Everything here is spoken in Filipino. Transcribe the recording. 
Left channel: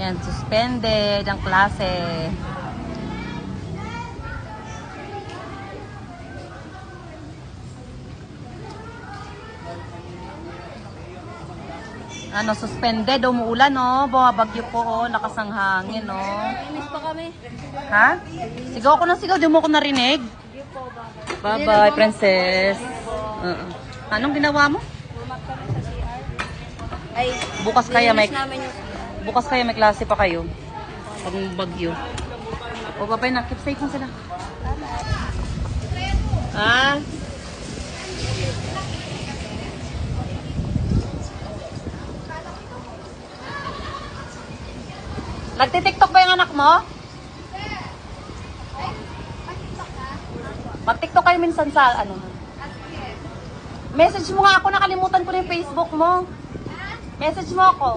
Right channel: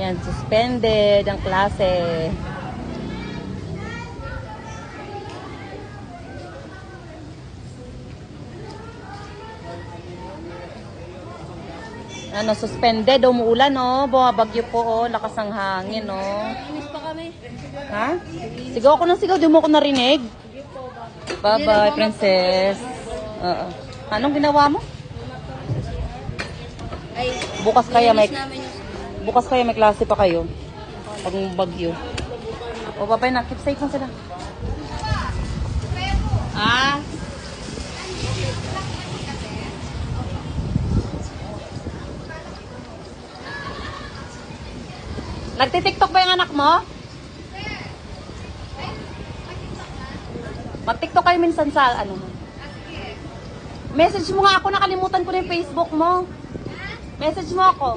Yan, suspended ang klase. Ano, suspended, umuulan, no? Bumabagyo po, oh. Lakas ang hangin, no? Inis pa kami. Ha? Sigaw ako ng sigaw, di mo ko narinig. Bye-bye, princess. Anong ginawa mo? Bumak kami sa CR. Ay, Bukas kaya may namin yung CR. bukas kaya may klase pa kayo. Pag bagyo. O, bye-bye na. Keep safe mo sila. Ah? Nagtitiktok ba yung anak mo? Mag-tiktok kayo minsan sa ano? Message mo nga ako, nakalimutan ko na yung Facebook mo. Message mo ako.